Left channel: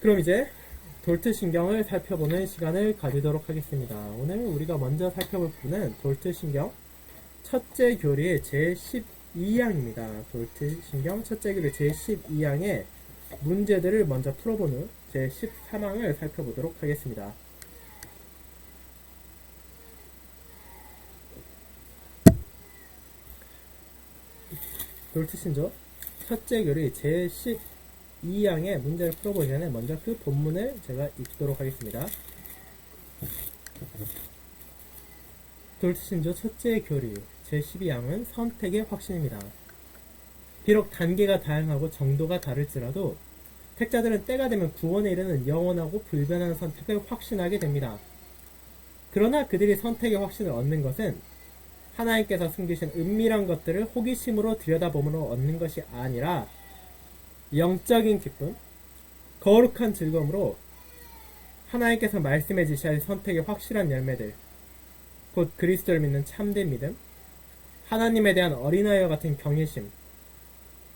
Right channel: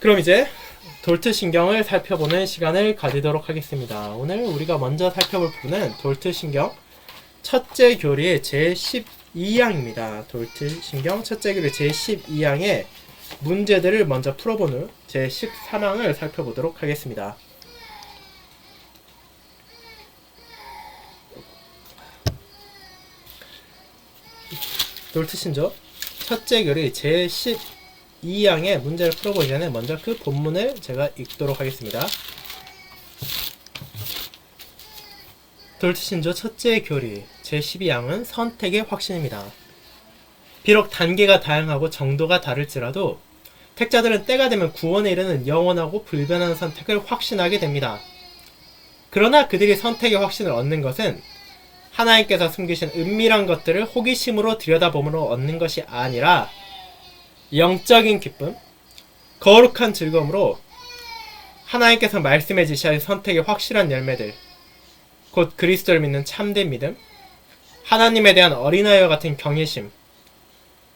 그럼 이제 돌트신경을 살펴보는 시간을 가지도록 하겠습니다. 오늘 우리가 먼저 살펴볼 부분은 돌트신경 첫째 교리의 제12항입니다. 돌트신경 첫째 교리 제12항의 문제들을 먼저 풀어본 후 제13항을 살펴보도록 하겠습니다. 돌트신조 첫째 교리 제12항의 문제를 풀어보기 전에 먼저 그 본문을 제가 읽도록 하겠습니다. 돌트신조 첫째 교리 제12항은 선택의 확신입니다. 비록 단계가 다양하고 정도가 다를지라도 택자들은 때가 되면 구원에 이르는 영원하고 불변한 선택을 확신하게 됩니다. 그러나 그들이 선택의 확신을 얻는 것은 하나님께서 숨기신 은밀한 것들을 호기심으로 들여다봄으로 얻는 것이 아니라 영적인 기쁨, 거룩한 즐거움으로 하나님께서 말씀해 주신 선택의 확실한 열매들, 곧 그리스도를 믿는 참된 믿음, 하나님에 대한 어린아이와 같은 경외심,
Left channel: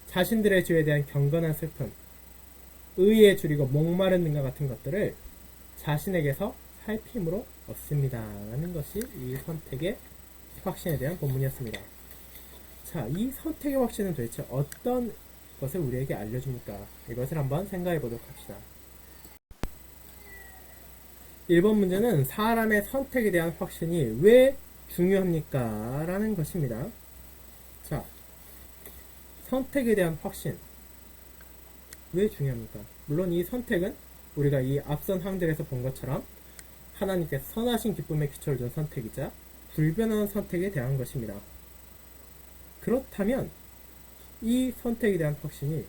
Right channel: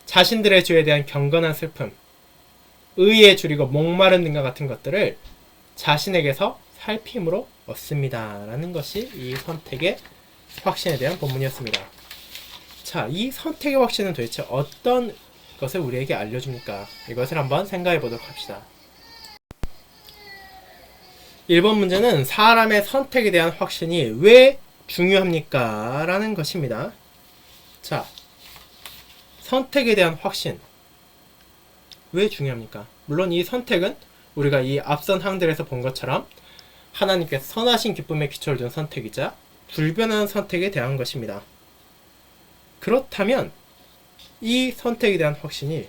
자신들의 죄에 대한 경건한 슬픔, 의에 줄이고 목마른 등과 같은 것들을 자신에게서 살핌으로 얻습니다. 라는 것이 이 선택의 확신에 대한 본문이었습니다. 자, 이 선택의 확신은 도대체 어떤 것을 우리에게 알려줍니까? 이것을 한번 생각해 보도록 합시다. 1번 문제는 사람의 선택에 대한 확신이 왜 중요합니까? 라는 것입니다. 자, 선택에 대한 확신 왜 중요합니까? 물론 이 선택은 우리가 이 앞선 항들에서 본 것처럼 하나님께서 선하신 기쁨에 기초를 둔 선택이자 불변한 선택에 대한 것입니다. 그렇다면 이 선택에 대한 확신이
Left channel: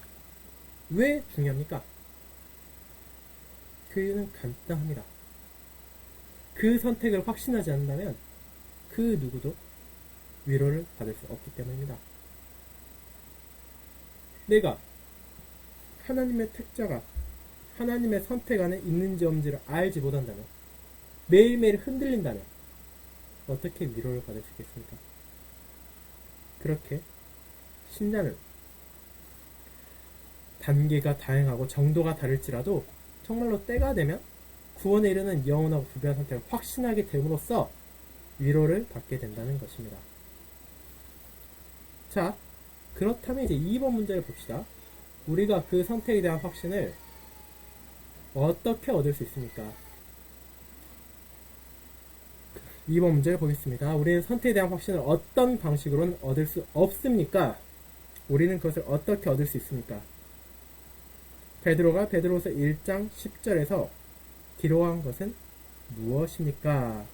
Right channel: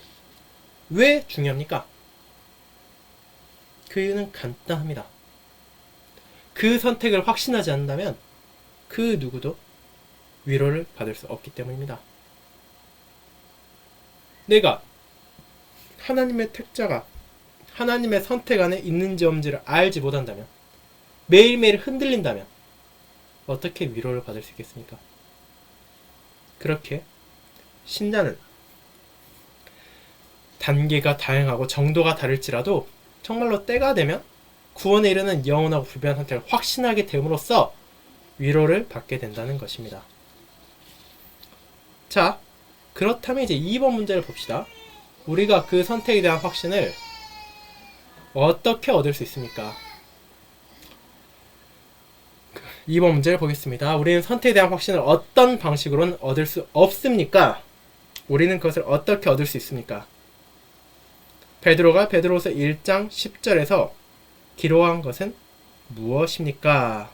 왜 중요합니까? 그 이유는 간단합니다. 그 선택을 확신하지 않는다면 그 누구도 위로를 받을 수 없기 때문입니다. 내가 하나님의 택자가 하나님의 선택 안에 있는지 없는지를 알지 못한다면, 매일매일 흔들린다면 어떻게 위로를 받을 수 있겠습니까? 그렇게 신자는 단계가 다양하고 정도가 다를지라도 정말로 때가 되면 구원에 이르는 영원하고 불변한 선택을 확신하게 됨으로써 위로를 받게 된다는 것입니다. 자, 그렇다면 이제 2번 문제를 봅시다. 우리가 그 선택에 대한 확신을 어떻게 얻을 수 있습니까? 2번 문제를 보겠습니다. 우리는 선택에 대한 확신을 어떤 방식으로는 얻을 수 없습니까? 우리는 그것을 어떻게 얻을 수 있습니까? 베드로가 베드로서 1장 10절에서 기록한 것은 무엇입니까?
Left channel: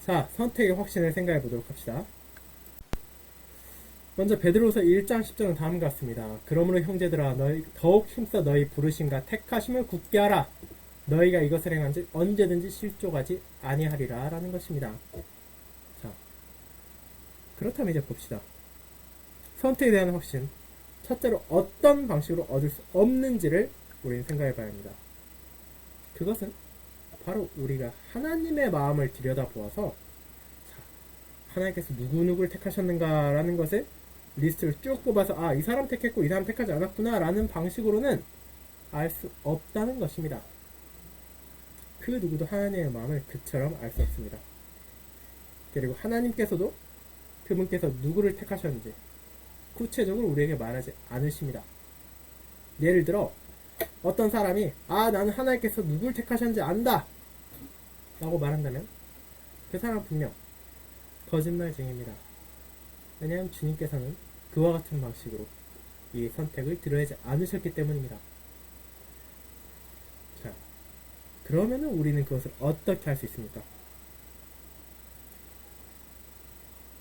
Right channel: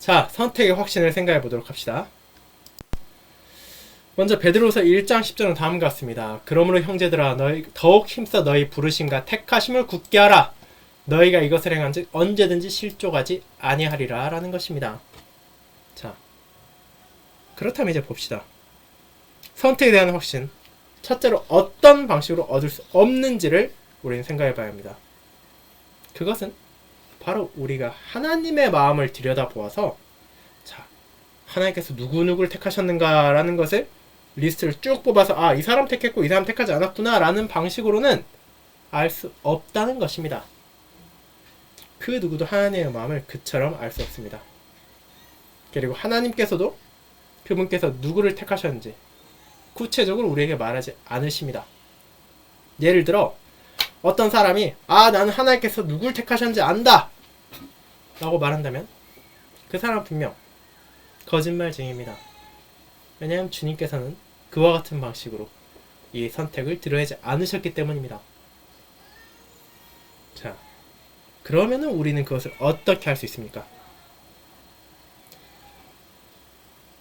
자, 선택의 확신을 생각해 보도록 합시다. 먼저 베드로서 1장 10절은 다음과 같습니다. 그러므로 형제들아 너희 더욱 힘써 너희 부르심과 택하심을 굳게 하라. 너희가 이것을 행한즉 언제든지 실족하지 아니하리라 라는 것입니다. 자, 그렇다면 이제 봅시다. 선택에 대한 확신, 첫째로 어떤 방식으로 얻을 수 없는지를 우리는 생각해 봐야 합니다. 그것은 바로 우리가 하나님의 마음을 들여다보아서, 자, 하나님께서 누구누구를 택하셨는가 라는 것을 리스트를 쭉 뽑아서 이 사람 택했고 이 사람 택하지 않았구나 라는 방식으로는 알 수 없다는 것입니다. 그 누구도 하나님의 마음을 그처럼 알 수 없습니다. 그리고 하나님께서도 그분께서 누구를 택하셨는지 구체적으로 우리에게 말하지 않으십니다. 예를 들어 어떤 사람이 나는 하나님께서 누구를 택하셨는지 안다 라고 말한다면 그 사람은 분명 거짓말쟁이입니다. 왜냐하면 주님께서는 그와 같은 방식으로 이 선택을 드러내지 않으셨기 때문입니다. 자, 그러면은 우리는 그것을 어떻게 할 수 있습니까?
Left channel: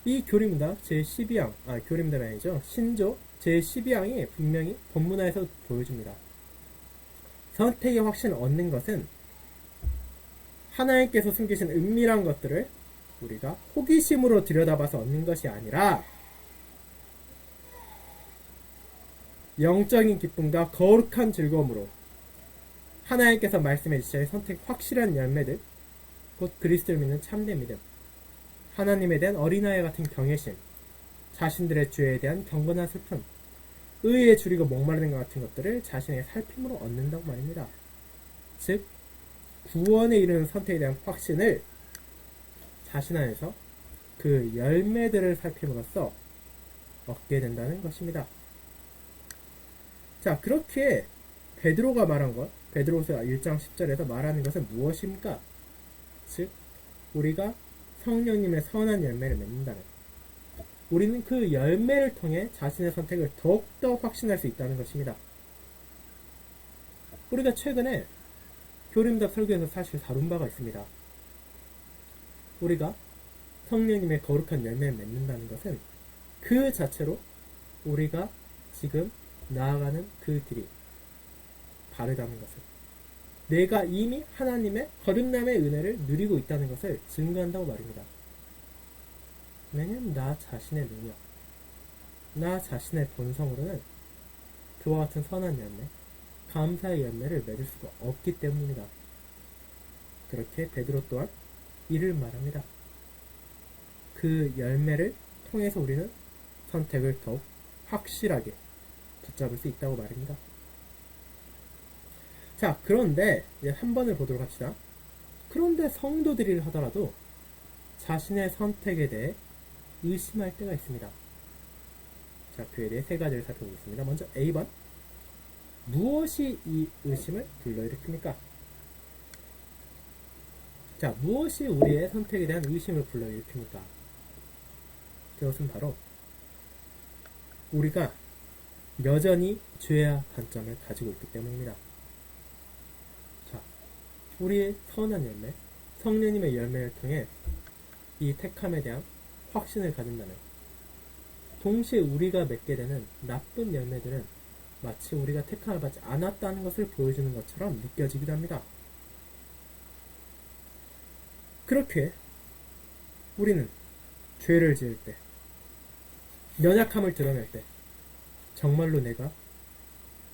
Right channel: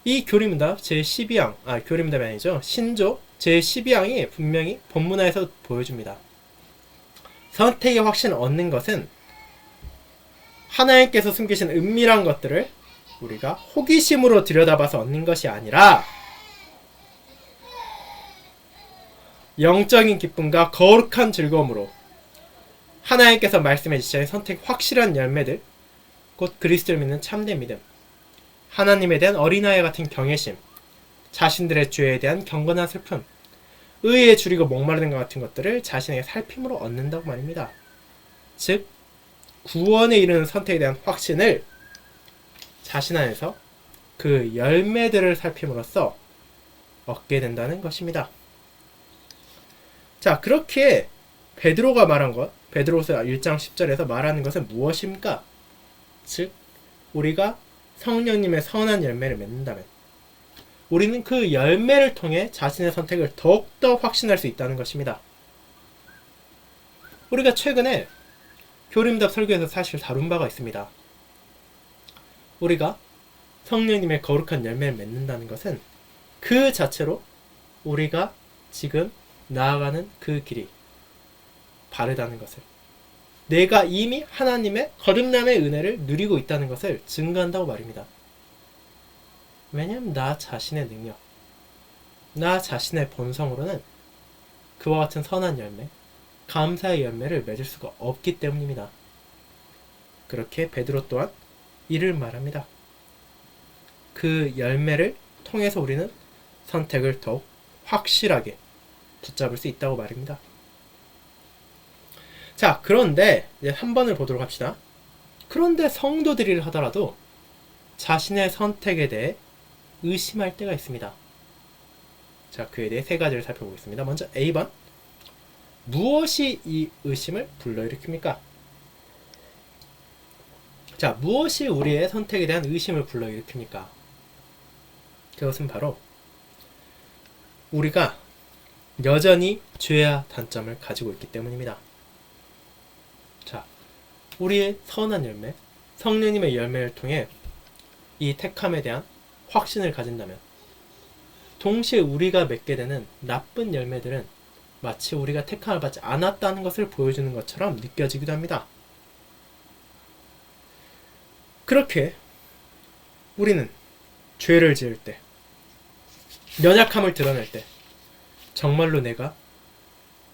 이 교리문답 제12항, 교리문답이 아니죠. 신조 제12항이 분명히 본문화에서 보여줍니다. 선택의 확신을 얻는 것은 하나님께서 숨기신 은밀한 것들을 우리가 호기심으로 들여다봐서 얻는 것이 아니라 영적인 기쁨과 거룩한 즐거움으로 하나님께서 말씀해 주신 선택 확실한 열매들, 곧 그리스도를 믿는 참된 믿음, 하나님에 대한 어린아이 같은 경외심, 자신들의 죄에 대한 경건한 슬픔, 의에 줄이고 목마르는 것 같은 것들을 자신에게 살핌으로 얻는다고 말입니다. 즉 구원에 이르는 선택에 대한 확신을 자신 안에서 그 열매들을 살핌으로써 얻게 된다는 것입니다. 자, 그렇게 베드로가 말한 것, 베드로서 1장 10절에서 말하는 것은 무엇입니까? 즉 우리가 성령님의 선한 열매를 맺는다면 우리는 그 열매를 통해 자신의 선택을 더욱더 확신할 수 있다는 것입니다. 우리가 최근에 교림답 설교에서 사실 다룬 바가 있습니다. 우리가 성령님의 거룩한 열매를 맺는다는 것은 그 자체로 우리가 지금 나아가는 그 길이 바르다는 것을, 내가 이미 하나님의 거듭남의 은혜를 누리고 있다는 것을 증거한다고 말입니다. 왜냐하면 나 자신의 능력, 나 자신의 본성으로는 그와 같은 선한 열매, 감사의 열매를 맺을 수가 없기 때문입니다. 그렇게 베드로 또한 이를 말합니다. 그 열매를 통해서 우리는 선택을 더욱 확실하게 붙잡을 수 있다고 말입니다. 자, 그런데 이제 3번을 보도록 합시다. 그런데 성도들이 하더라도 자신의 선택에 대해 의심할 때가 있습니다. 자, 그에 대해 세 가지를 살펴보겠습니다. 먼저 A번, 무엇이 이 의심을 불러일으킵니까? 자, 무엇이 우리의 선택에 대한 의심을 불러일으킵니까? 그것은 바로 우리가 여전히 죄와 단점을 가지고 있기 때문입니다. 자, 우리의 선한 열매, 성령님의 열매를 통해 이 택함에 대한 확신을 가진다면 동시에 우리가 맺게 되는 나쁜 열매들은 마치 우리가 택함을 받지 않았다는 것을 보여주는 것처럼 느껴지기도 합니다. 그렇게 우리는 죄를 지을 때, 연약함을 드러낼 때 정말로 내가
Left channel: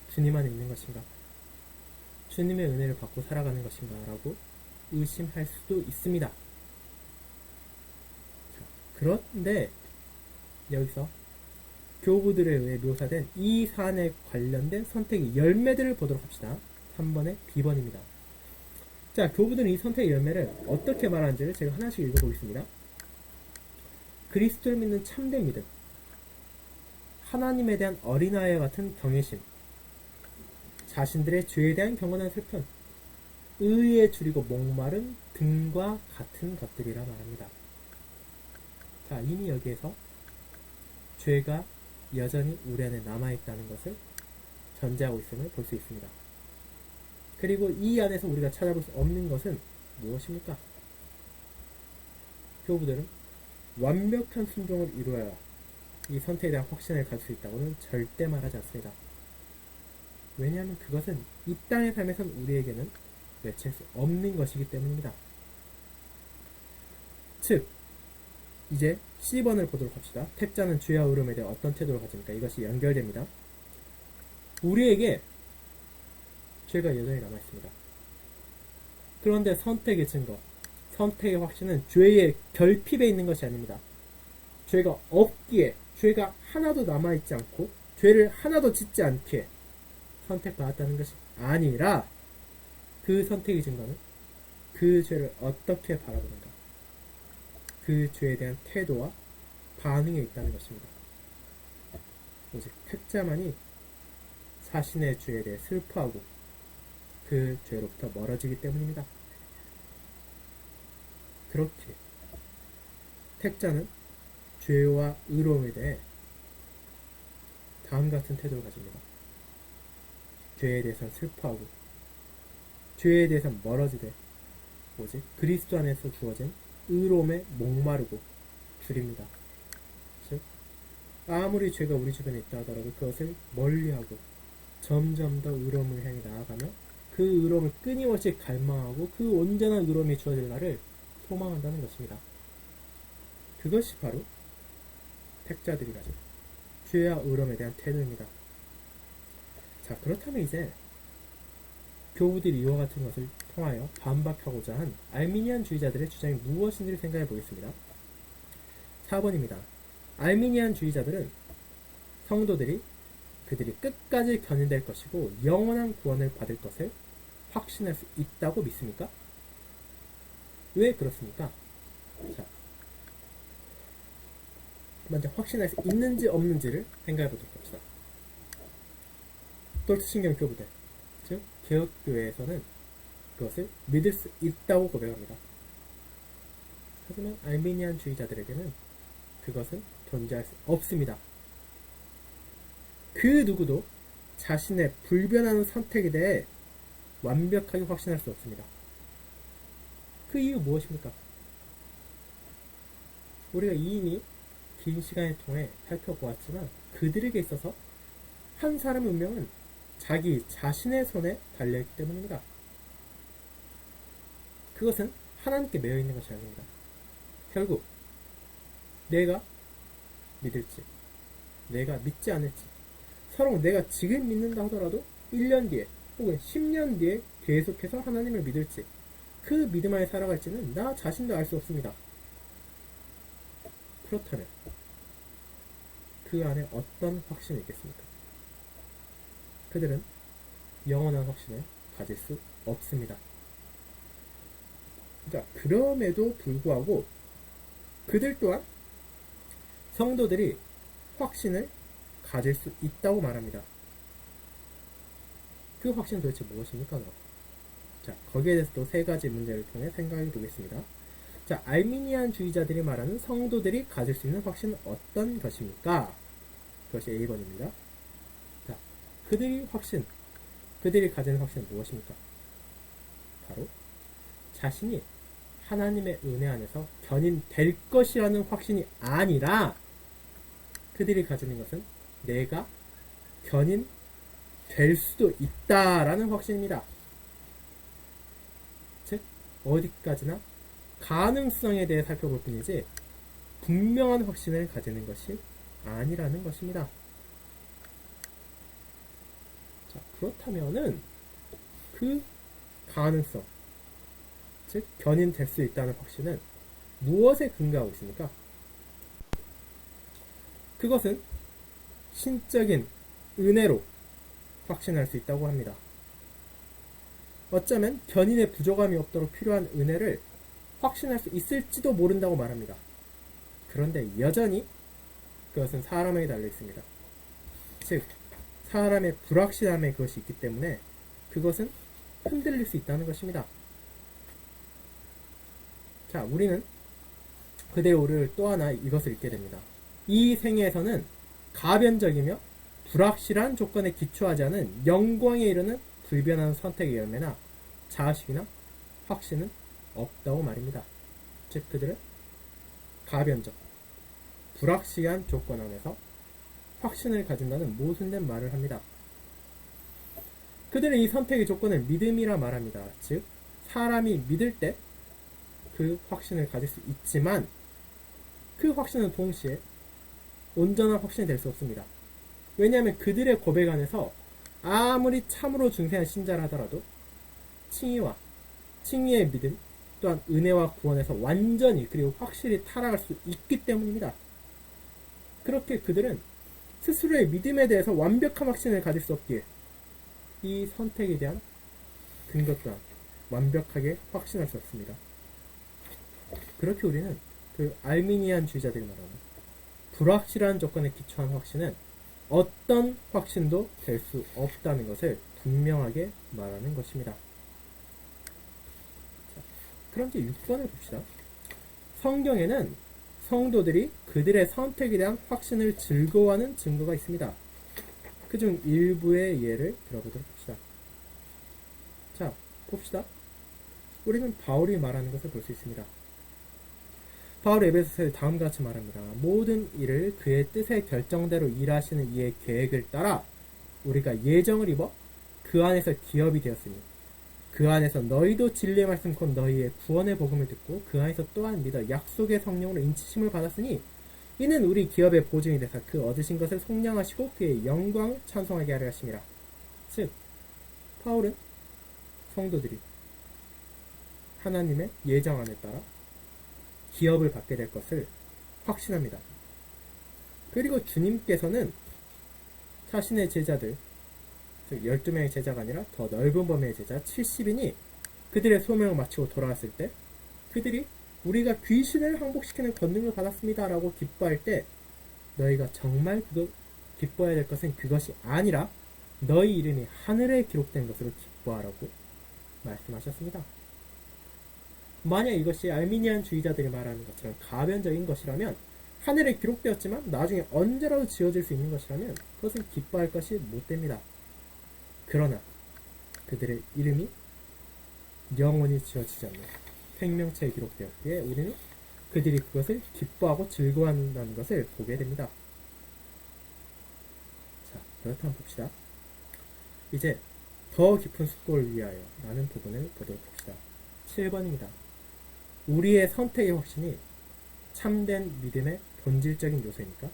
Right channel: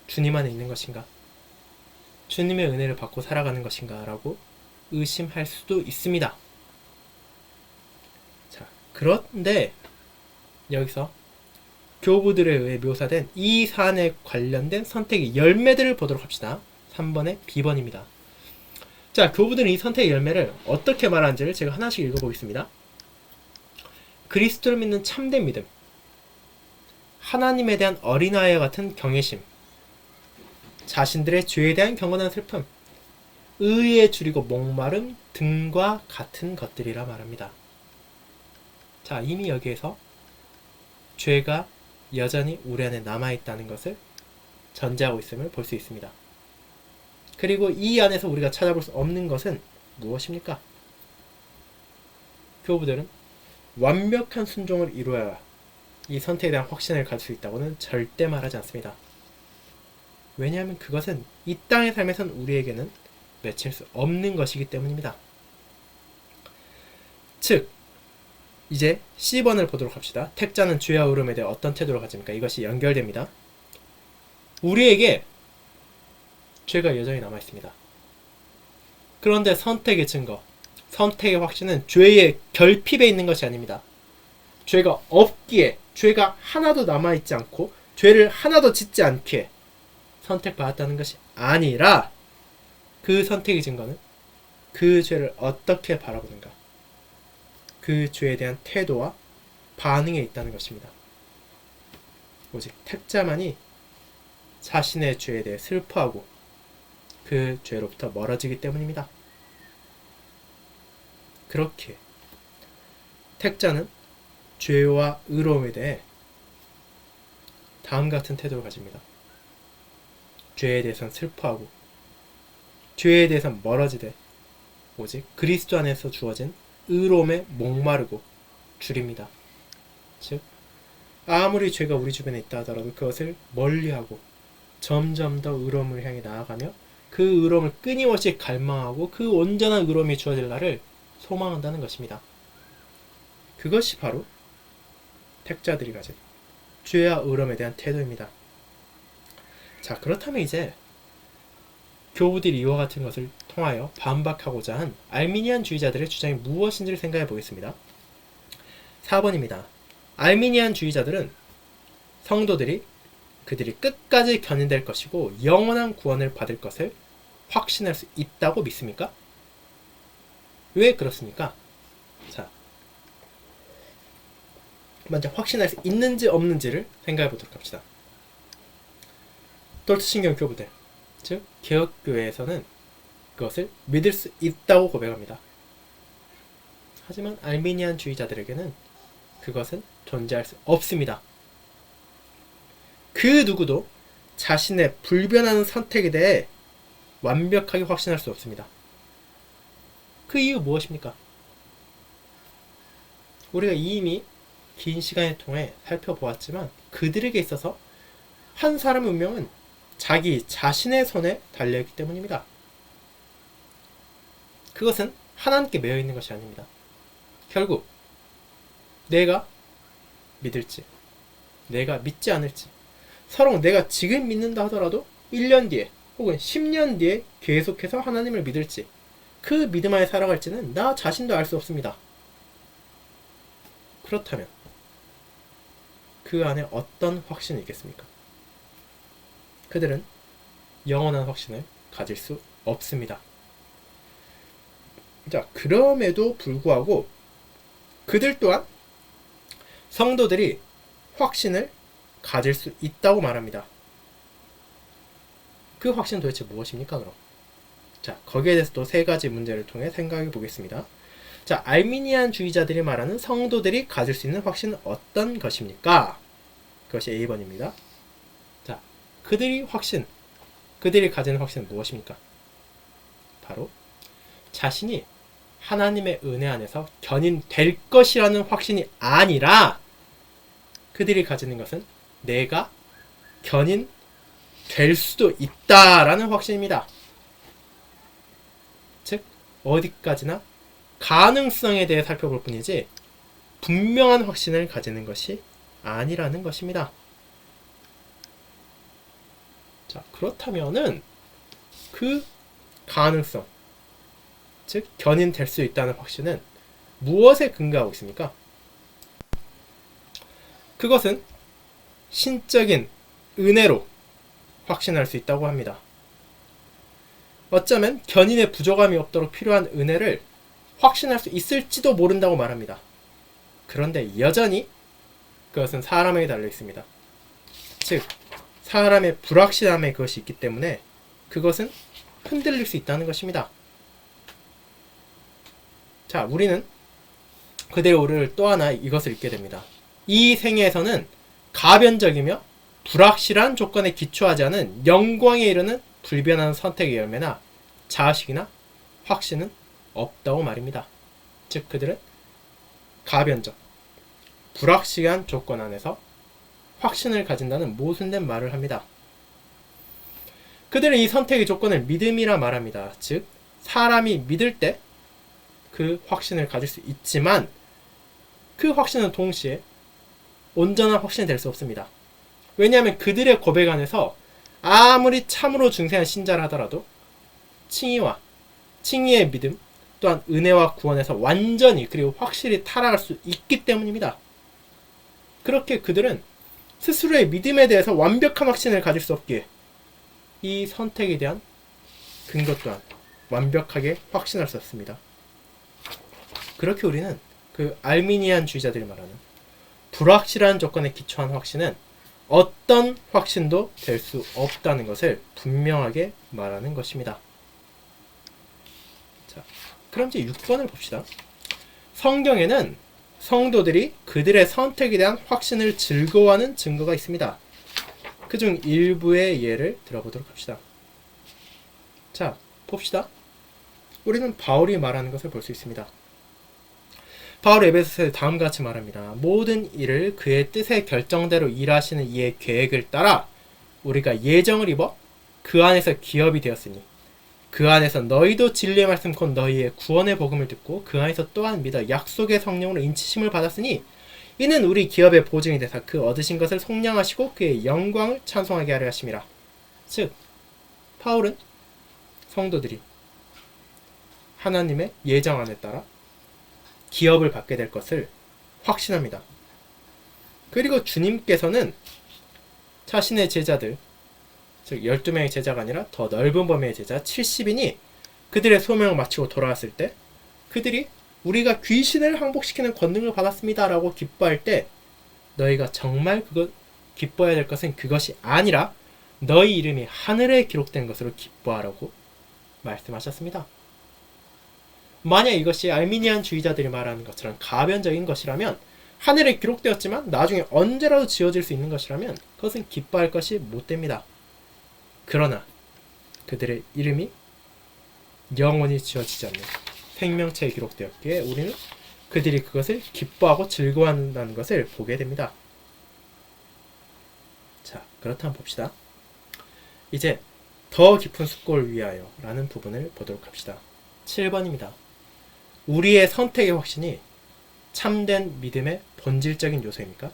주님 안에 있는 것인가? 주님의 은혜를 받고 살아가는 것인가? 라고 의심할 수도 있습니다. 자, 그런데 여기서 교부들에 의해 묘사된 이 사안에 관련된 선택의 열매들을 보도록 합시다. 3번의 B번입니다. 자, 교부들은 이 선택의 열매를 어떻게 말하는지를 제가 하나씩 읽어보겠습니다. 그리스도를 믿는 참된 믿음, 하나님에 대한 어린아이와 같은 경외심, 자신들의 죄에 대한 경건한 슬픔, 의에 줄이고 목마름 등과 같은 것들이라 말합니다. 자, 이미 여기에서 죄가 여전히 우리 안에 남아있다는 것을 전제하고 있음을 볼 수 있습니다. 그리고 이 안에서 우리가 찾아볼 수 없는 것은 무엇입니까? 교부들은 완벽한 순종을 이루어야 이 선택에 대한 확신을 가질 수 있다고는 절대 말하지 않습니다. 왜냐하면 그것은 이 땅의 삶에선 우리에게는 맺힐 수 없는 것이기 때문입니다. 즉, 이제 C번을 보도록 합시다. 택자는 죄와 의로움에 대해 어떤 태도를 가집니까? 이것이 연결됩니다. 우리에게 죄가 여전히 남아있습니다. 그런데 선택의 증거, 선택의 확신은 죄의 결핍에 있는 것이 아닙니다. 죄가 없기에, 죄가 하나도 남아있지 않고 죄를 하나도 짓지 않기에 선택받았다는 것이 아니라 그 선택의 증거는 그 죄를 어떻게 바라보는가, 그 죄에 대한 태도와 반응에 있다는 것입니다. 오직 택자만이 자신의 죄에 대해 슬퍼하고 그 죄로부터 멀어지기 때문입니다. 그렇게 택자는 죄와 의로움에 대해 다음 같은 태도를 가집니다. 죄에 대해서는 슬퍼하고 죄에 대해서는 멀어지되 오직 그리스도 안에서 주어진 의로움에 목마르고 줄입니다. 즉, 아무리 죄가 우리 주변에 있다 하더라도 그것을 멀리하고 점점 더 의로움을 향해 나아가며 그 의로움을 끊임없이 갈망하고 그 온전한 의로움이 주어질 날을 소망한다는 것입니다. 그것이 바로 택자들이 가진 죄와 의로움에 대한 태도입니다. 자, 그렇다면 이제 교부들이 이와 같은 것을 통하여 반박하고자 한 알미니안주의자들의 주장이 무엇인지를 생각해 보겠습니다. 4번입니다. 알미니안주의자들은 성도들이 그들이 끝까지 견인될 것이고 영원한 구원을 받을 것을 확신할 수 있다고 믿습니까? 왜 그렇습니까? 자, 먼저 확신할 수 있는지 없는지를 생각해 보도록 합시다. 돌트신경 교부들, 즉 개혁교회에서는 그것을 믿을 수 있다고 고백합니다. 하지만 알미니안주의자들에게는 그것은 존재할 수 없습니다. 그 누구도 자신의 불변하는 선택에 대해 완벽하게 확신할 수 없습니다. 그 이유 무엇입니까? 우리가 이미 긴 시간을 통해 살펴보았지만 그들에게 있어서 한 사람의 운명은 자기 자신의 손에 달려있기 때문입니다. 그것은 하나님께 매여 있는 것이 아닙니다. 결국 내가 믿을지 내가 믿지 않을지, 서로 내가 지금 믿는다 하더라도 1년 뒤에 혹은 10년 뒤에 계속해서 하나님을 믿을지, 그 믿음 안에 살아갈지는 나 자신도 알 수 없습니다. 그렇다면 그 안에 어떤 확신이 있겠습니까? 그들은 영원한 확신을 가질 수 없습니다. 자, 그럼에도 불구하고 그들 또한 성도들이 확신을 가질 수 있다고 말합니다. 그 확신은 도대체 무엇입니까, 그럼? 자, 거기에 대해서 또 세 가지 문제를 통해 생각해 보겠습니다. 자, 알미니안 주의자들이 말하는 성도들이 가질 수 있는 확신은 어떤 것입니까? 그것이 A번입니다. 자, 그들이 가지는 확신은 무엇입니까? 바로 자신이 하나님의 은혜 안에서 견인될 것이라는 확신이 아니라, 그들이 가지는 것은 내가 견인될 수도 있다라는 확신입니다. 즉, 어디까지나 가능성에 대해 살펴볼 뿐이지 분명한 확신을 가지는 것이 아니라는 것입니다. 자, 그렇다면은 그 가능성, 즉 견인될 수 있다는 확신은 무엇에 근거하고 있습니까? 그것은 신적인 은혜로 확신할 수 있다고 합니다. 어쩌면 견인의 부족함이 없도록 필요한 은혜를 확신할 수 있을지도 모른다고 말합니다. 그런데 여전히 그것은 사람에게 달려 있습니다. 즉, 사람의 불확실함에 그것이 있기 때문에 그것은 흔들릴 수 있다는 것입니다. 자, 우리는 그대로 우리를 또 하나 이것을 읽게 됩니다. 이 생애에서는 가변적이며 불확실한 조건에 기초하지 않은 영광에 이르는 불변하는 선택의 열매나 자아식이나 확신은 없다고 말입니다. 즉, 그들은 가변적, 불확실한 조건 안에서 확신을 가진다는 모순된 말을 합니다. 그들은 이 선택의 조건을 믿음이라 말합니다. 즉, 사람이 믿을 때 그 확신을 가질 수 있지만 그 확신은 동시에 온전한 확신이 될 수 없습니다. 왜냐하면 그들의 고백 안에서 아무리 참으로 중생한 신자라 하더라도 칭의의 믿음 또한 은혜와 구원에서 완전히 그리고 확실히 타락할 수 있기 때문입니다. 그렇게 그들은 스스로의 믿음에 대해서 완벽한 확신을 가질 수 없기에 이 선택에 대한 근거 또한 완벽하게 확신할 수 없습니다. 그렇게 우리는 그 알미니안 주의자들이 말하는 불확실한 조건에 기초한 확신은 어떤 확신도 될 수 없다는 것을 분명하게 말하는 것입니다. 자, 그럼 이제 6번을 봅시다. 성경에는 성도들이 그들의 선택에 대한 확신을 즐거워하는 증거가 있습니다. 그중 일부의 예를 들어보도록 합시다. 자, 봅시다. 우리는 바울이 말하는 것을 볼 수 있습니다. 바울 에베소서에 다음과 같이 말합니다. 모든 일을 그의 뜻의 결정대로 일하시는 이의 계획을 따라 우리가 예정을 입어 그 안에서 기업이 되었으니 그 안에서 너희도 진리의 말씀 곧 너희의 구원의 복음을 듣고 그 안에서 또한 믿어 약속의 성령으로 인치심을 받았으니 이는 우리 기업의 보증이 되사 그 얻으신 것을 속량하시고 그의 영광을 찬송하게 하려 하심이라. 즉, 바울은 성도들이 하나님의 예정 안에 따라 기업을 받게 될 것을 확신합니다. 그리고 주님께서는 자신의 제자들, 즉 12명의 제자가 아니라 더 넓은 범위의 제자 70인이 그들의 소명을 마치고 돌아왔을 때 그들이 우리가 귀신을 항복시키는 권능을 받았습니다 라고 기뻐할 때 너희가 정말 기뻐해야 될 것은 그것이 아니라 너희 이름이 하늘에 기록된 것으로 기뻐하라고 말씀하셨습니다. 만약 이것이 알미니안 주의자들이 말하는 것처럼 가변적인 것이라면, 하늘에 기록되었지만 나중에 언제라도 지워질 수 있는 것이라면 그것은 기뻐할 것이 못됩니다. 그러나 그들의 이름이 영원히 지워지지 않는 생명체에 기록되었기에 우리는 그들이 그것을 기뻐하고 즐거워한다는 것을 보게 됩니다. 자, 그렇다면 봅시다. 이제 더 깊은 숙고를 위하여 라는 부분을 보도록 합시다. 7번입니다. 우리의 선택의 확신이 참된 믿음의 본질적인 요소입니까?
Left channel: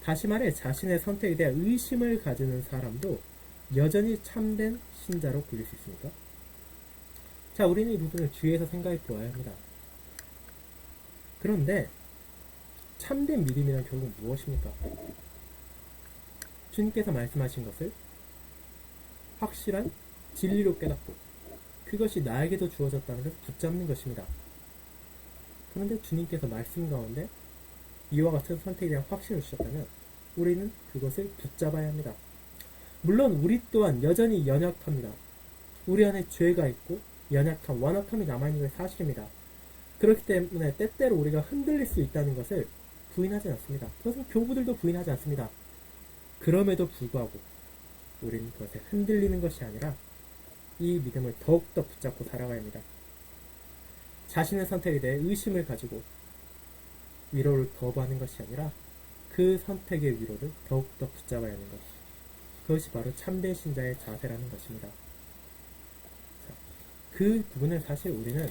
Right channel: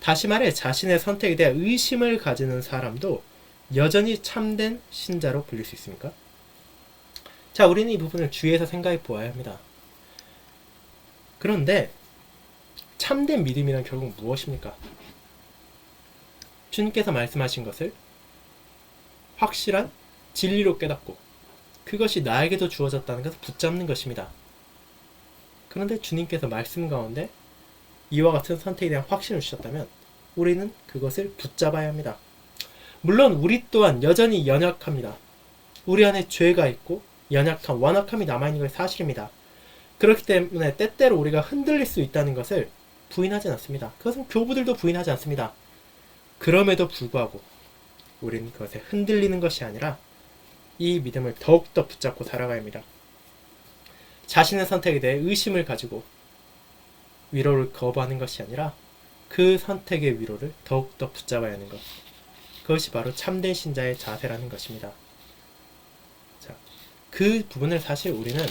다시 말해 자신의 선택에 대해 의심을 가지는 사람도 여전히 참된 신자로 불릴 수 있습니까? 자, 우리는 이 부분을 주의해서 생각해 보아야 합니다. 그런데 참된 믿음이란 결국 무엇입니까? 주님께서 말씀하신 것을 확실한 진리로 깨닫고 그것이 나에게도 주어졌다는 것을 붙잡는 것입니다. 그런데 주님께서 말씀 가운데 이와 같은 선택에 대한 확신을 주셨다면 우리는 그것을 붙잡아야 합니다. 물론 우리 또한 여전히 연약합니다. 우리 안에 죄가 있고 연약함, 완악함이 남아있는 것이 사실입니다. 그렇기 때문에 때때로 우리가 흔들릴 수 있다는 것을 부인하지 않습니다. 그것은 교부들도 부인하지 않습니다. 그럼에도 불구하고 우리는 그것에 흔들리는 것이 아니라 이 믿음을 더욱더 붙잡고 살아가야 합니다. 자신의 선택에 대해 의심을 가지고 위로를 거부하는 것이 아니라 그 선택의 위로를 더욱더 붙잡아야 하는 것. 그것이 바로 참된 신자의 자세라는 것입니다. 자, 그 부분을 사실 우리는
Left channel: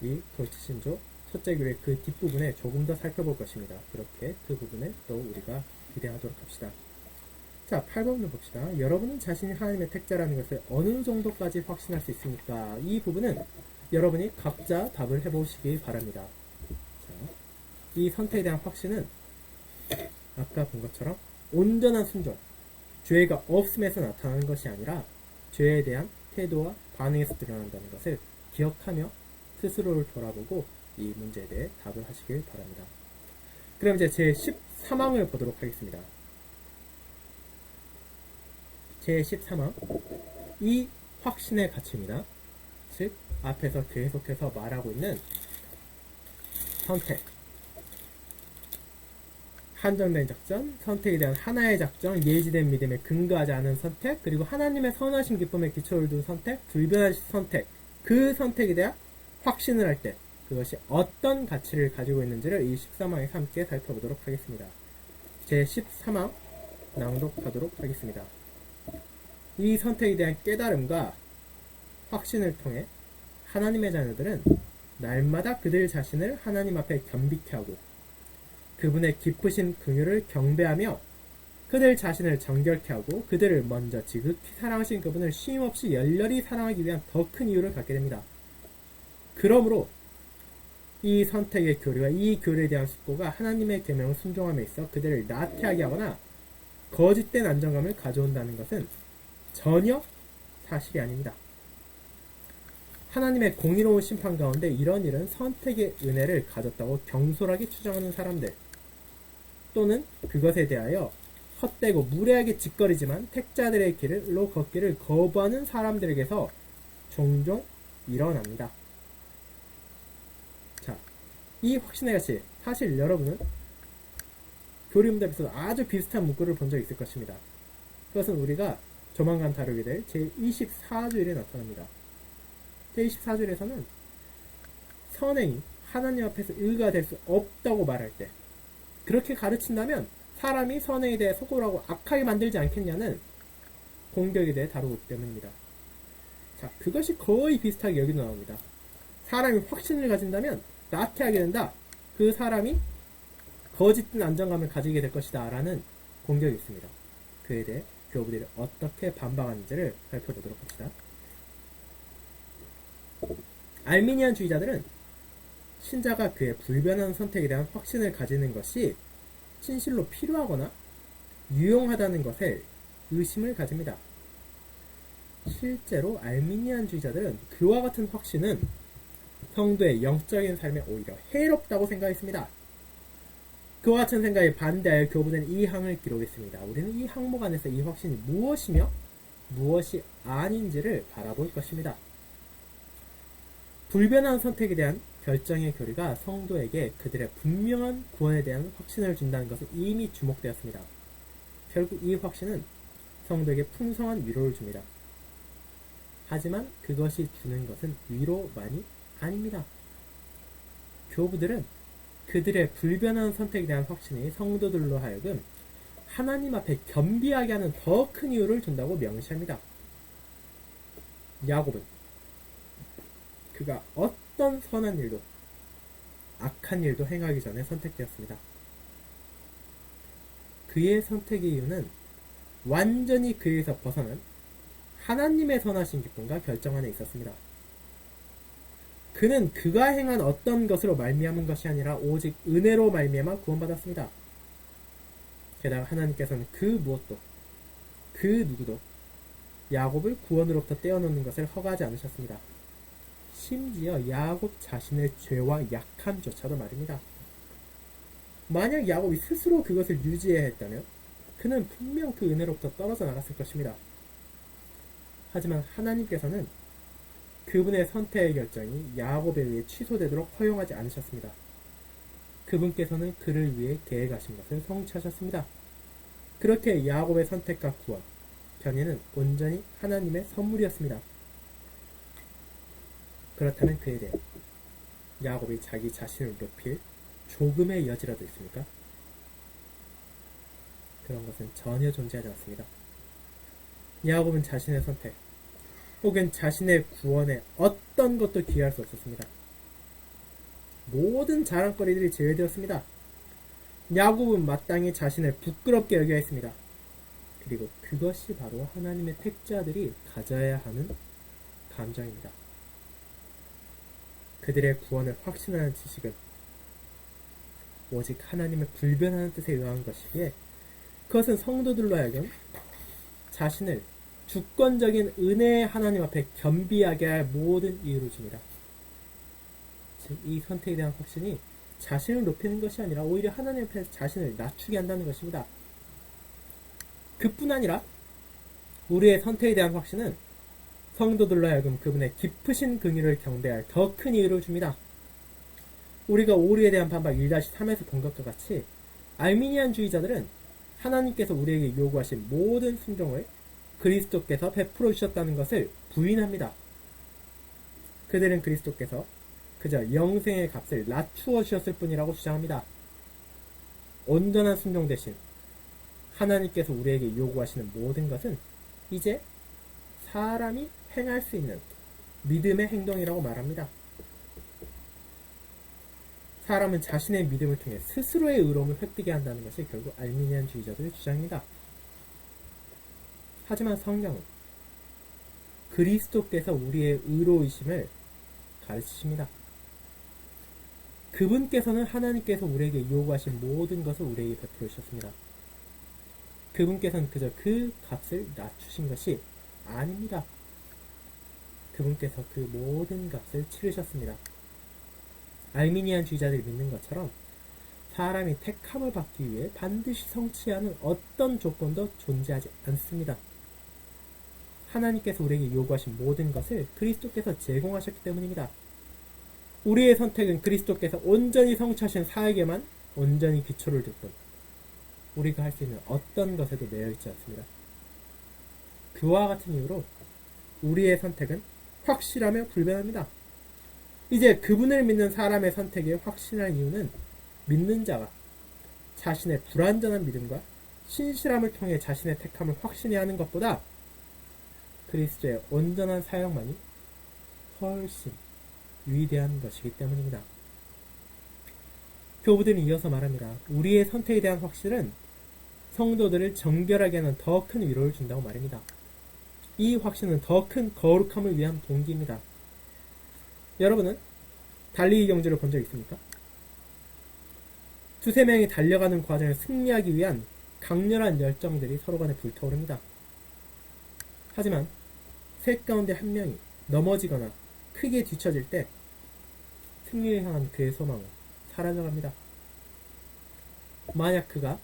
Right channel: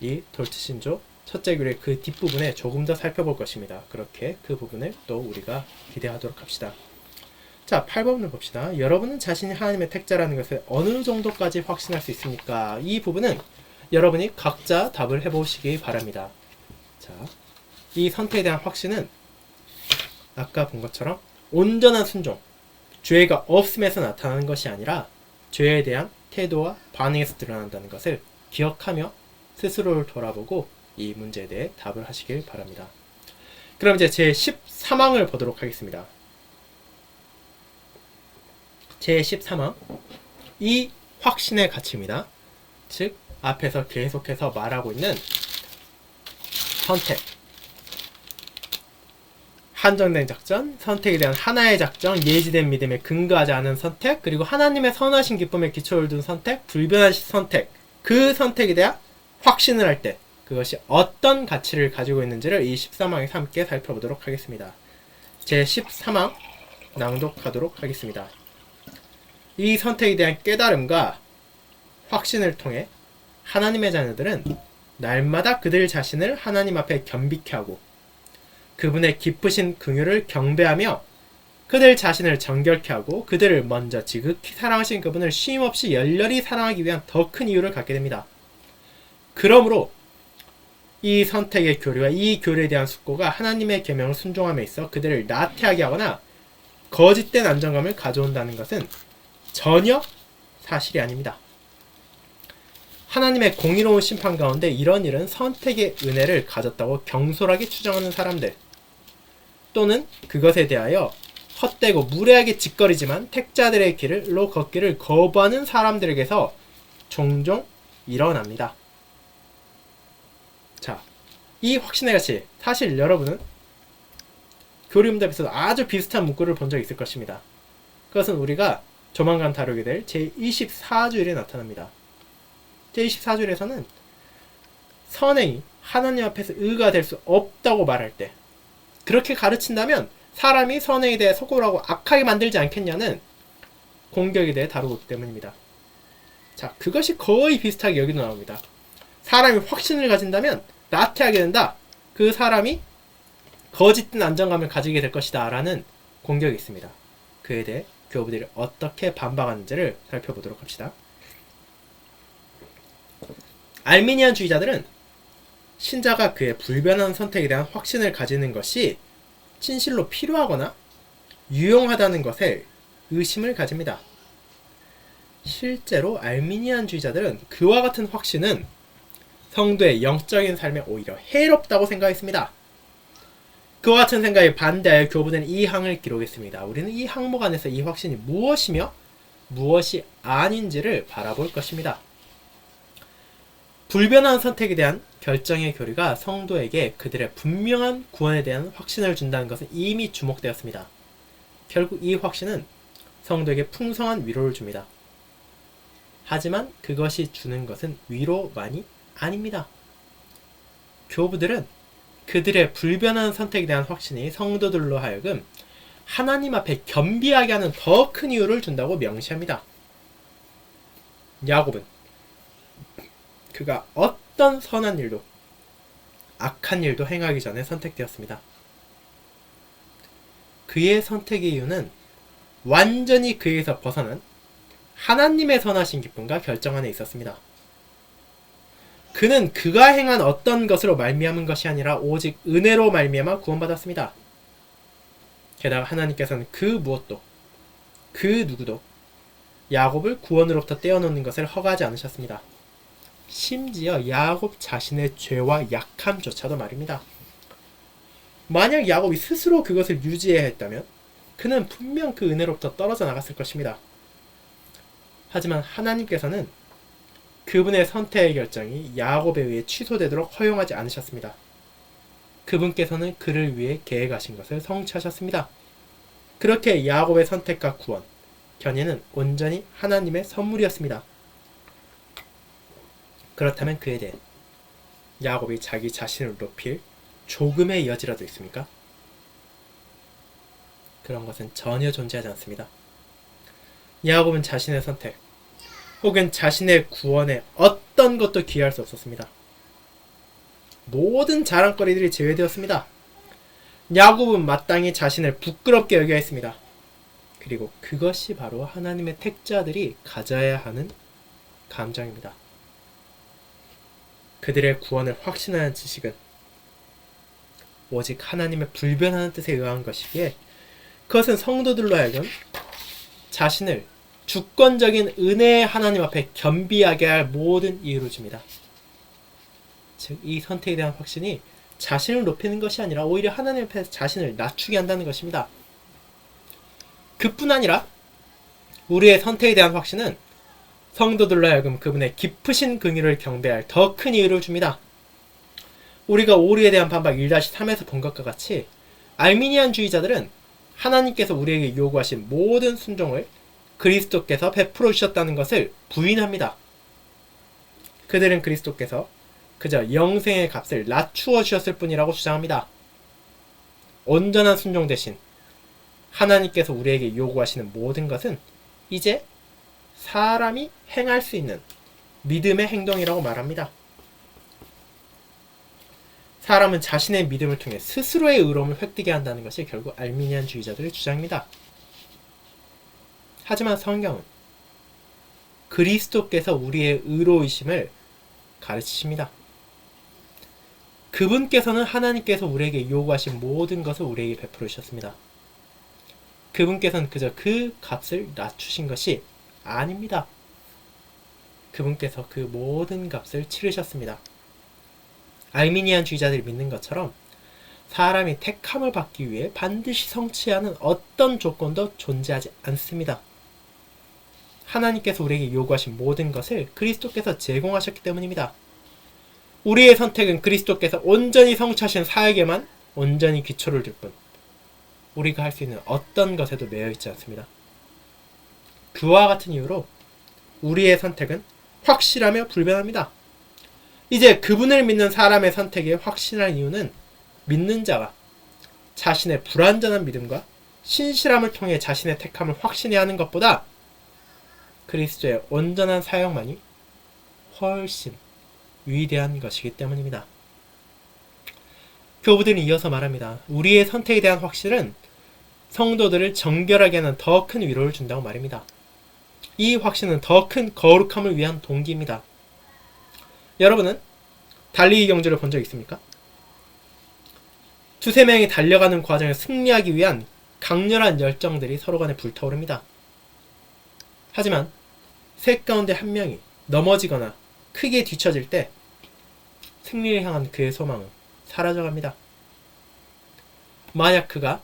이 돌트신조 첫째 규례 그 뒷부분에 조금 더 살펴볼 것입니다. 그렇게 그 부분을 또 우리가 기대하도록 합시다. 자, 8번을 봅시다. 여러분은 자신이 하나님의 택자라는 것을 어느 정도까지 확신할 수 있습니까? 이 부분은 여러분이 각자 답을 해보시기 바랍니다. 자, 이 선택에 대한 확신은 아까 본 것처럼 온전한 순종, 죄가 없음에서 나타나는 것이 아니라 죄에 대한 태도와 반응에서 드러난다는 것을 기억하며 스스로를 돌아보고 이 문제에 대해 답을 하시길 바랍니다. 그럼 이제 제 13항을 보도록 하겠습니다. 제 13항, 이 확신의 가치입니다. 즉 앞에서 계속해서 말하고 있는 선택, 한정된 작전, 선택에 대한 하나의 작정, 예지된 믿음에 근거하지 않은 선택, 그리고 하나님의 선하신 기쁨에 기초를 둔 선택, 불변한 선택, 그 선택에 대한 확신을 할 때 그것이 어떤 가치를 가지고 있는지를 이 13항에서 함께 살펴보도록 하겠습니다. 제 13항 낭독하도록 하겠습니다. 이 선택에 대한 깨달음과 확신을 통해 하나님의 자녀들은 날마다 그들 자신을 하나님 앞에 겸비케 하고 그분의 깊으신 긍휼을 경배하며 그들 자신을 정결케 하고 그들을 먼저 지극히 사랑하신 그분을 쉼없이 열렬히 사랑하기 위한 더 큰 이유를 갖게 됩니다. 그러므로 이 선택의 교리와 이 교리에 대한 숙고가 하나님의 계명을 순종함에 있어 그들을 나태하게 하거나 거짓된 안정감을 가져온다는 것은 전혀 사실이 아닙니다. 하나님의 공의로운 심판 가운데 이런 일은 선택의 은혜를 가졌다고 경솔하게 추정하는 사람들 또는 그것에 대하여 헛되고 무례하게 짓거리지만 택자들의 길로 걷기를 거부하는 사람들에게서 종종 일어납니다. 자, 이 확신의 가치, 사실 여러분은 교리문답에서 아주 비슷한 문구를 본 적이 있을 것입니다. 그것은 우리가 조만간 다루게 될 제24주일에 나타납니다. 제24주일에서는 선행이 하나님 앞에서 의가 될 수 없다고 말할 때, 그렇게 가르친다면 사람이 선행에 대해 소홀하고 악하게 만들지 않겠냐는 공격에 대해 다루기 때문입니다. 자, 그것이 거의 비슷하게 여기도 나옵니다. 사람이 확신을 가진다면 나태하게 된다. 그 사람이 거짓된 안정감을 가지게 될 것이다 라는 공격이 있습니다. 그에 대해 교부들이 어떻게 반박하는지를 살펴보도록 합시다. 알미니안 주의자들은 신자가 그의 불변한 선택에 대한 확신을 가지는 것이 진실로 필요하거나 유용하다는 것에 의심을 가집니다. 실제로 알미니안주의자들은 그와 같은 확신은 성도의 영적인 삶에 오히려 해롭다고 생각했습니다. 그와 같은 생각에 반대하여 교부는 이 항을 기록했습니다. 우리는 이 항목 안에서 이 확신이 무엇이며 무엇이 아닌지를 바라볼 것입니다. 불변한 선택에 대한 결정의 교리가 성도에게 그들의 분명한 구원에 대한 확신을 준다는 것은 이미 주목되었습니다. 결국 이 확신은 성도에게 풍성한 위로를 줍니다. 하지만 그것이 주는 것은 위로만이 아닙니다. 교부들은 그들의 불변한 선택에 대한 확신이 성도들로 하여금 하나님 앞에 겸비하게 하는 더 큰 이유를 준다고 명시합니다. 야곱은 그가 어떤 선한 일도 악한 일도 행하기 전에 선택되었습니다. 그의 선택의 이유는 완전히 그에서 벗어난 하나님의 선하신 기쁨과 결정 안에 있었습니다. 그는 그가 행한 어떤 것으로 말미암은 것이 아니라 오직 은혜로 말미암아 구원받았습니다. 게다가 하나님께서는 그 무엇도 그 누구도 야곱을 구원으로부터 떼어놓는 것을 허가하지 않으셨습니다. 심지어 야곱 자신의 죄와 약함조차도 말입니다. 만약 야곱이 스스로 그것을 유지해야 했다면 그는 분명 그 은혜로부터 떨어져 나갔을 것입니다. 하지만 하나님께서는 그분의 선택의 결정이 야곱에 의해 취소되도록 허용하지 않으셨습니다. 그분께서는 그를 위해 계획하신 것을 성취하셨습니다. 그렇게 야곱의 선택과 구원, 견인은 온전히 하나님의 선물이었습니다. 그렇다면 그에 대해 야곱이 자기 자신을 높일 조금의 여지라도 있습니까? 그런 것은 전혀 존재하지 않습니다. 야곱은 자신의 선택 혹은 자신의 구원에 어떤 것도 기여할 수 없었습니다. 모든 자랑거리들이 제외되었습니다. 야곱은 마땅히 자신을 부끄럽게 여겨야 했습니다. 그리고 그것이 바로 하나님의 택자들이 가져야 하는 감정입니다. 그들의 구원을 확신하는 지식은 오직 하나님의 불변하는 뜻에 의한 것이기에 그것은 성도들로 하여금 자신을 주권적인 은혜의 하나님 앞에 겸비하게 할 모든 이유를 줍니다. 즉, 이 선택에 대한 확신이 자신을 높이는 것이 아니라 오히려 하나님 앞에서 자신을 낮추게 한다는 것입니다. 그뿐 아니라 우리의 선택에 대한 확신은 성도들로 하여금 그분의 깊으신 긍휼을 경배할 더 큰 이유를 줍니다. 우리가 오류에 대한 반박 1-3에서 본 것과 같이 알미니안주의자들은 하나님께서 우리에게 요구하신 모든 순종을 그리스도께서 베풀어 주셨다는 것을 부인합니다. 그들은 그리스도께서 그저 영생의 값을 낮추어 주셨을 뿐이라고 주장합니다. 온전한 순종 대신 하나님께서 우리에게 요구하시는 모든 것은 이제 사람이 행할 수 있는 믿음의 행동이라고 말합니다. 사람은 자신의 믿음을 통해 스스로의 의로움을 획득해야 한다는 것이 결국 알미니안주의자들의 주장입니다. 하지만 성경은 그리스도께서 우리의 의로우심을 가르치십니다. 그분께서는 하나님께서 우리에게 요구하신 모든 것을 우리에게 베풀어 주셨습니다. 그분께서는 그저 그 값을 낮추신 것이 아닙니다. 그분께서 그 모든 값을 치르셨습니다. 알미니안주의자들이 믿는 것처럼 사람이 택함을 받기 위해 반드시 성취해야 하는 어떤 조건도 존재하지 않습니다. 하나님께서 우리에게 요구하신 모든 것을 그리스도께서 제공하셨기 때문입니다. 우리의 선택은 그리스도께서 온전히 성취하신 사역에만 온전히 기초를 둘 뿐, 우리가 할 수 있는 어떤 것에도 매여 있지 않습니다. 그와 같은 이유로 우리의 선택은 확실하며 불변합니다. 이제 그분을 믿는 사람의 선택에 확신할 이유는 믿는 자가 자신의 불완전한 믿음과 신실함을 통해 자신의 택함을 확신해야 하는 것보다 그리스도의 온전한 사역만이 훨씬 위대한 것이기 때문입니다. 교부들은 이어서 말합니다. 우리의 선택에 대한 확신은 성도들을 정결하게 하는 더 큰 위로를 준다고 말입니다. 이 확신은 더 큰 거룩함을 위한 동기입니다. 여러분은 달리기 경주를 본 적 있습니까? 두세 명이 달려가는 과정을 승리하기 위한 강렬한 열정들이 서로 간에 불타오릅니다. 하지만 셋 가운데 한 명이 넘어지거나 크게 뒤처질 때 승리를 향한 그의 소망은 사라져갑니다. 만약 그가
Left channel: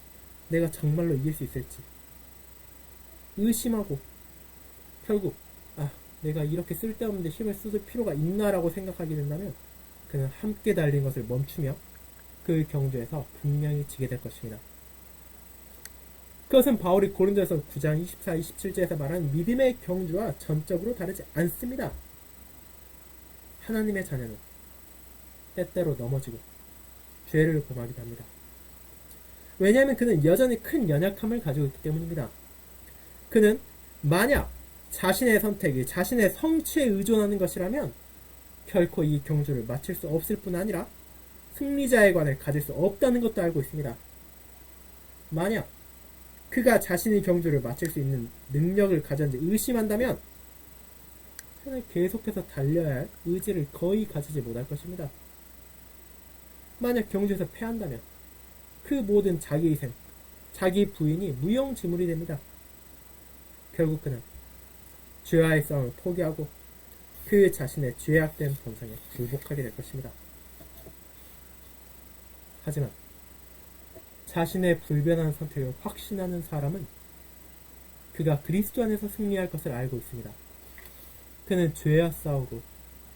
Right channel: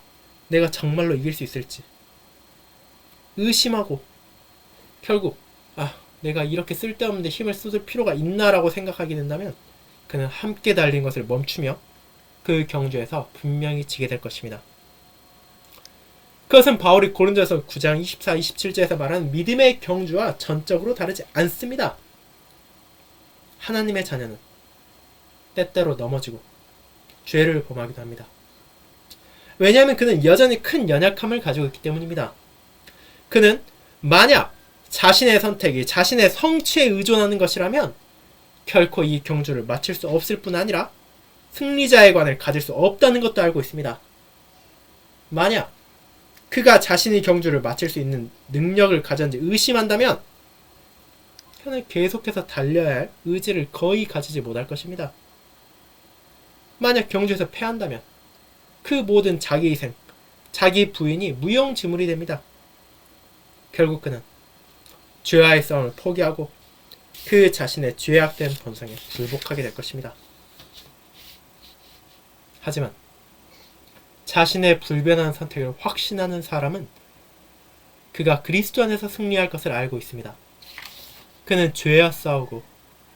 내가 정말로 이길 수 있을지 의심하고 결국 내가 이렇게 쓸데없는데 힘을 쏟을 필요가 있나라고 생각하게 된다면 그는 함께 달린 것을 멈추며 그 경주에서 분명히 지게 될 것입니다. 그것은 바울이 고린도서 9장 24, 27절에서 말하는 믿음의 경주와 전적으로 다르지 않습니다. 하나님의 자녀는 때때로 넘어지고 죄를 범하기도 합니다. 왜냐하면 그는 여전히 큰 연약함을 가지고 있기 때문입니다. 그는 만약 자신의 선택이 자신의 성취에 의존하는 것이라면 결코 이 경주를 마칠 수 없을 뿐 아니라 승리자의 관을 가질 수 없다는 것도 알고 있습니다. 만약 그가 자신이 경주를 마칠 수 있는 능력을 가졌는지 의심한다면 그는 계속해서 달려야 할 의지를 거의 가지지 못할 것입니다. 만약 경주에서 패한다면 그 모든 자기 희생, 자기 부인이 무용지물이 됩니다. 결국 그는 죄와의 싸움을 포기하고 그 자신의 죄악된 본성에 굴복하게 될 것입니다. 하지만 자신의 불변한 선택을 확신하는 사람은 그가 그리스도 안에서 승리할 것을 알고 있습니다. 그는 죄와 싸우고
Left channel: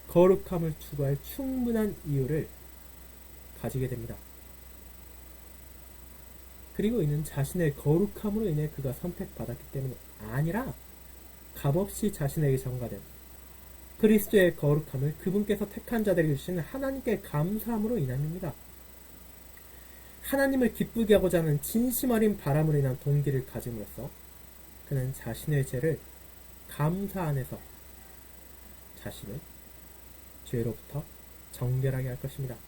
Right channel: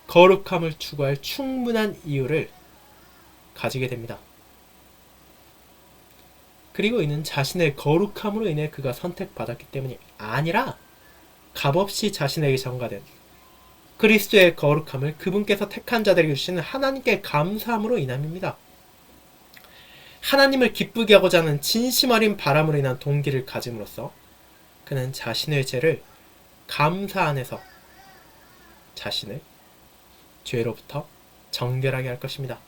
거룩함을 추구할 충분한 이유를 가지게 됩니다. 그리고 이는 자신의 거룩함으로 인해 그가 선택받았기 때문이 아니라 값없이 자신에게 전가된 그리스도의 거룩함을 그분께서 택한 자들에게 주시는 하나님께 감사함으로 인함입니다. 하나님을 기쁘게 하고자 하는 진심 어린 바람으로 인한 동기를 가짐으로써 그는 자신의 죄를 감사 안에서 자신을 죄로부터 정결하게 할 것입니다.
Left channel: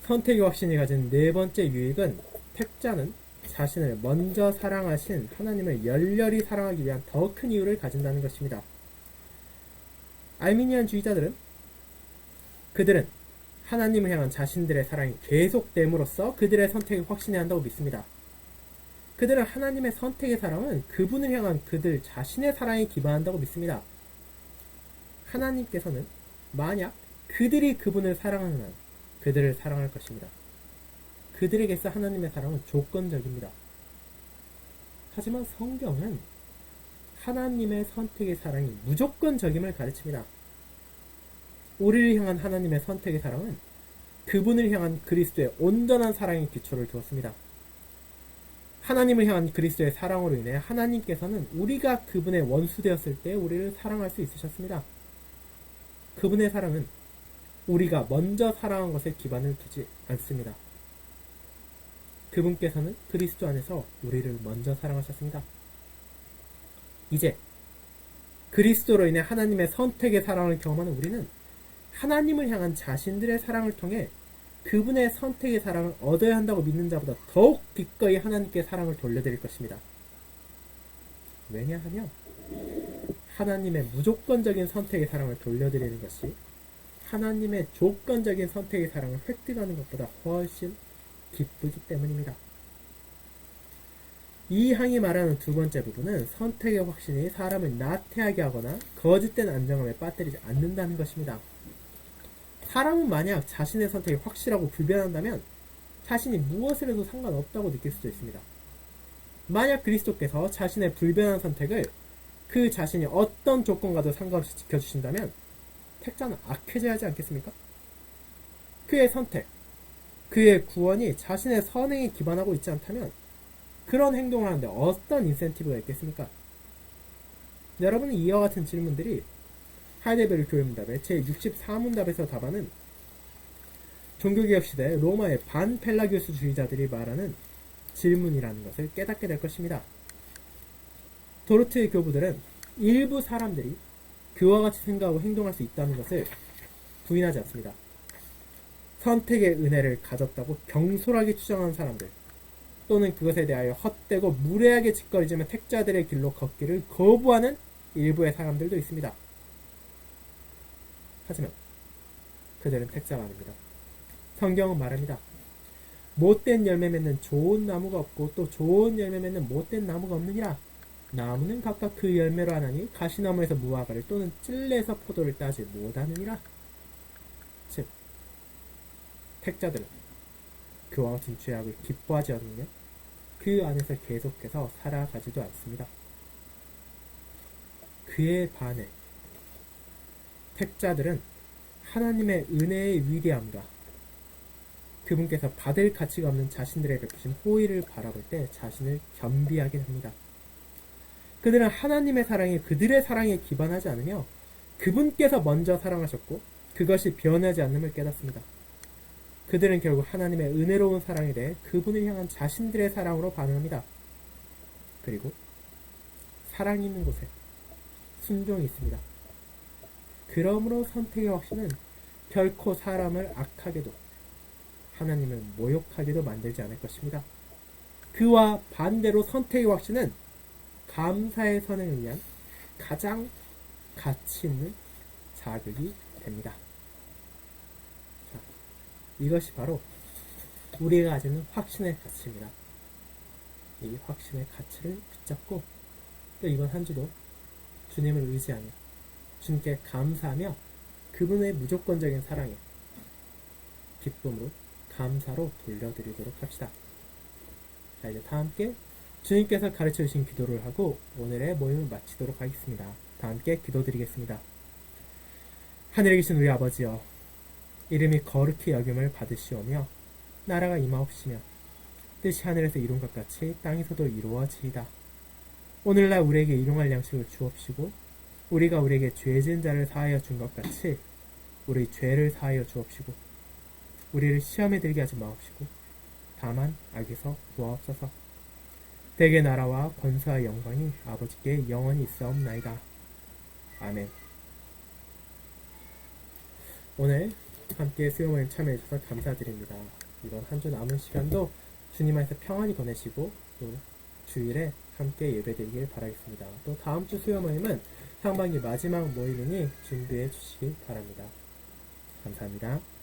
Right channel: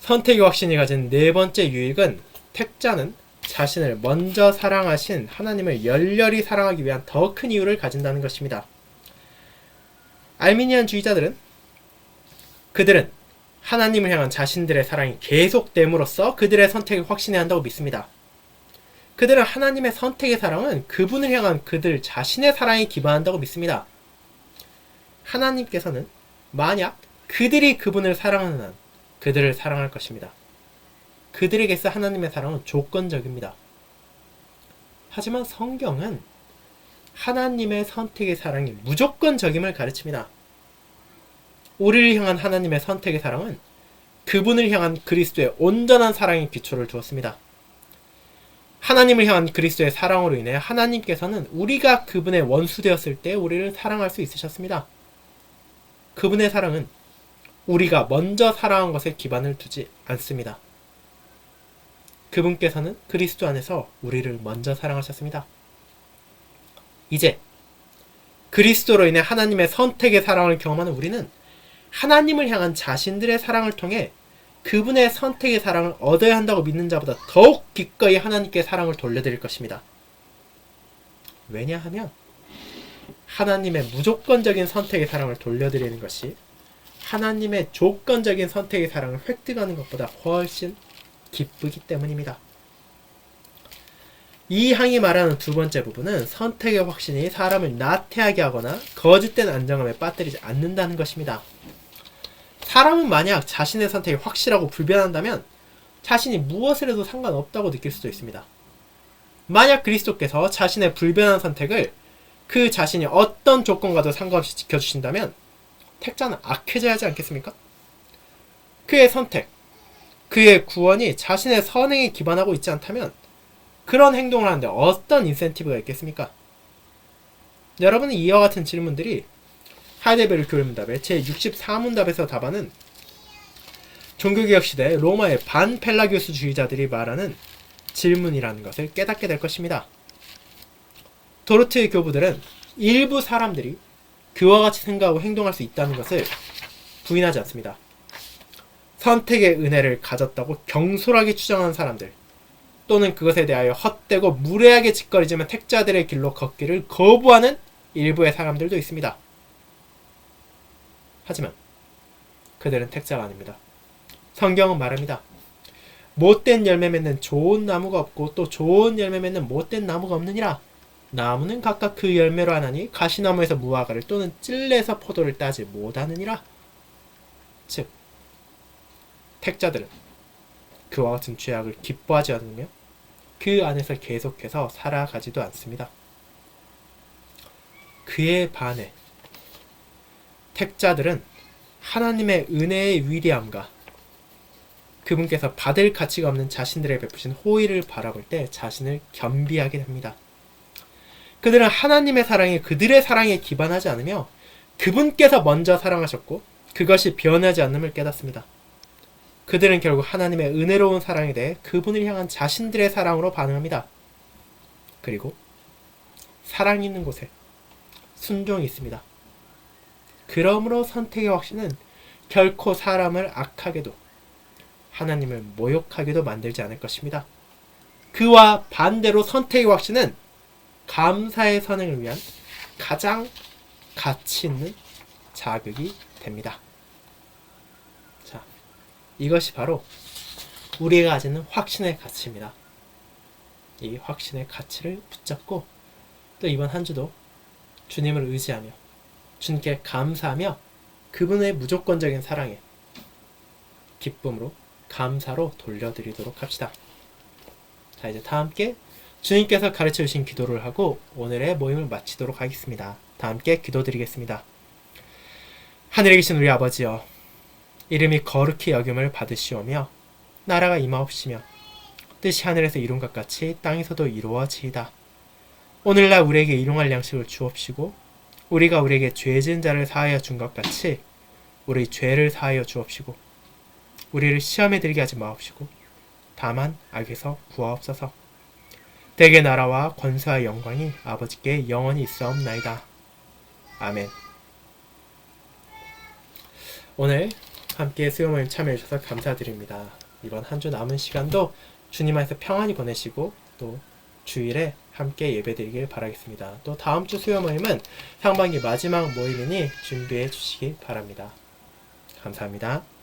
선택의 확신이 가진 네 번째 유익은 택자는 자신을 먼저 사랑하신 하나님을 열렬히 사랑하기 위한 더 큰 이유를 가진다는 것입니다. 알미니안주의자들은 그들은 하나님을 향한 자신들의 사랑이 계속됨으로써 그들의 선택을 확신해야 한다고 믿습니다. 그들은 하나님의 선택의 사랑은 그분을 향한 그들 자신의 사랑에 기반한다고 믿습니다. 하나님께서는 만약 그들이 그분을 사랑하는 한 그들을 사랑할 것입니다. 그들에게서 하나님의 사랑은 조건적입니다. 하지만 성경은 하나님의 선택의 사랑이 무조건적임을 가르칩니다. 우리를 향한 하나님의 선택의 사랑은 그분을 향한 그리스도의 온전한 사랑에 기초를 두었습니다. 하나님을 향한 그리스도의 사랑으로 인해 하나님께서는 우리가 그분의 원수 되었을 때 우리를 사랑할 수 있으셨습니다. 그분의 사랑은 우리가 먼저 사랑한 것에 기반을 두지 않습니다. 그분께서는 그리스도 안에서 우리를 먼저 사랑하셨습니다. 이제 그리스도로 인해 하나님의 선택의 사랑을 경험하는 우리는 하나님을 향한 자신들의 사랑을 통해 그분의 선택의 사랑을 얻어야 한다고 믿는 자보다 더욱 기꺼이 하나님께 사랑을 돌려드릴 것입니다. 왜냐하면 하나님의 무조건적인 선택의 사랑을 돌려드리는 것이 하나님의 조건적인 선택의 사랑을 획득하는 것보다 훨씬 기쁘기 때문입니다. 이 항이 말하는 두 번째 부분은 선택의 확신이 사람을 나태하게 하거나 거짓된 안정감에 빠뜨리지 않는다는 것입니다. 사람은 만약 자신의 선택이 확실하고 불변한다면 자신이 무엇을 해도 상관없다고 느낄 수도 있습니다. 만약 그리스도께서 자신의 불변한 선택을 그 자신이 어떤 조건과도 상관없이 지켜주신다면 택자는 악해져야 하지 않겠습니까? 그의 선택, 그의 구원이 자신의 선행에 기반하고 있지 않다면 그런 행동을 하는데 어떤 인센티브가 있겠습니까? 여러분은 이와 같은 질문들이 하이델베르 교회문답의 제64문답에서 답하는 종교개혁 시대 로마의 반펠라기우스주의자들이 말하는 질문이라는 것을 깨닫게 될 것입니다. 도르트의 교부들은 일부 사람들이 그와 같이 생각하고 행동할 수 있다는 것을 부인하지 않습니다. 선택의 은혜를 가졌다고 경솔하게 추정하는 사람들 또는 그것에 대하여 헛되고 무례하게 짓거리지만 택자들의 길로 걷기를 거부하는 일부의 사람들도 있습니다. 하지만 그들은 택자가 아닙니다. 성경은 말합니다. 못된 열매 맺는 좋은 나무가 없고 또 좋은 열매 맺는 못된 나무가 없느니라. 나무는 각각 그 열매로 하나니 가시나무에서 무화과를 또는 찔레에서 포도를 따지 못하느니라. 즉 택자들은 그와 같은 죄악을 기뻐하지 않으며 그 안에서 계속해서 살아가지도 않습니다. 그에 반해 택자들은 하나님의 은혜의 위대함과 그분께서 받을 가치가 없는 자신들에게 베푸신 호의를 바라볼 때 자신을 겸비하게 됩니다. 그들은 하나님의 사랑이 그들의 사랑에 기반하지 않으며 그분께서 먼저 사랑하셨고 그것이 변하지 않음을 깨닫습니다. 그들은 결국 하나님의 은혜로운 사랑에 대해 그분을 향한 자신들의 사랑으로 반응합니다. 그리고 사랑이 있는 곳에 순종이 있습니다. 그러므로 선택의 확신은 결코 사람을 악하게도 하나님을 모욕하게도 만들지 않을 것입니다. 그와 반대로 선택의 확신은 감사의 선행을 위한 가장 가치 있는 자극이 됩니다. 자, 이것이 바로 우리가 가지는 확신의 가치입니다. 이 확신의 가치를 붙잡고 또 이번 한 주도 주님을 의지하며 주님께 감사하며 그분의 무조건적인 사랑에 기쁨으로 감사로 돌려드리도록 합시다. 자, 이제 다 함께 주님께서 가르쳐 주신 기도를 하고 오늘의 모임을 마치도록 하겠습니다. 다 함께 기도드리겠습니다. 하늘에 계신 우리 아버지여, 이름이 거룩히 여김을 받으시오며 나라가 임하옵시며 뜻이 하늘에서 이룬 것 같이 땅에서도 이루어지이다. 오늘날 우리에게 일용할 양식을 주옵시고 우리가 우리에게 죄 지은 자를 사하여 준 것 같이 우리 죄를 사하여 주옵시고 우리를 시험에 들게 하지 마옵시고 다만 악에서 구하옵소서. 대개 나라와 권세와 영광이 아버지께 영원히 있사옵나이다. 아멘. 오늘 함께 수요모임 참여해 주셔서 감사드립니다. 이번 한 주 남은 시간도 주님 안에서 평안히 보내시고 또 주일에 함께 예배드리길 바라겠습니다. 또 다음 주 수요 모임은 상반기 마지막 모임이니 준비해 주시기 바랍니다. 감사합니다.